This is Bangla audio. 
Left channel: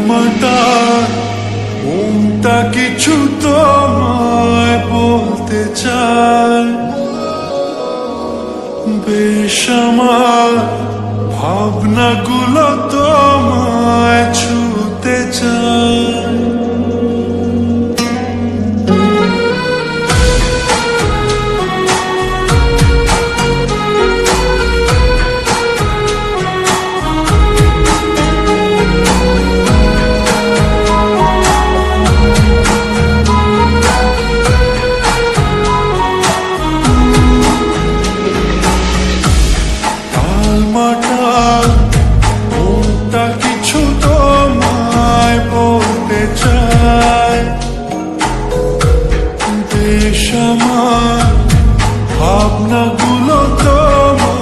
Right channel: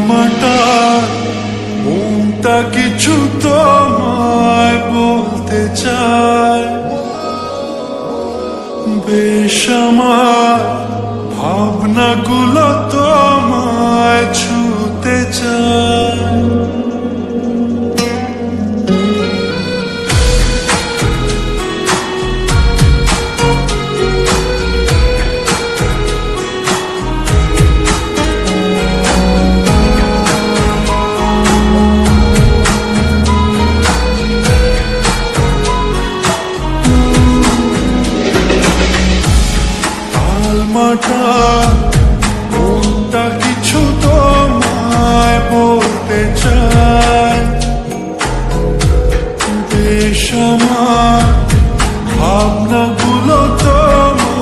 টালমাটাল মনটা কিছু তোমায় বলতে চায়, বেশ আমার ভাবনাগুলো তোমায় ছুতে চায়। টালমাটাল মনটা কিছু তোমায় বলতে চায়, বেশ আমার ভাবনাগুলো তোমায়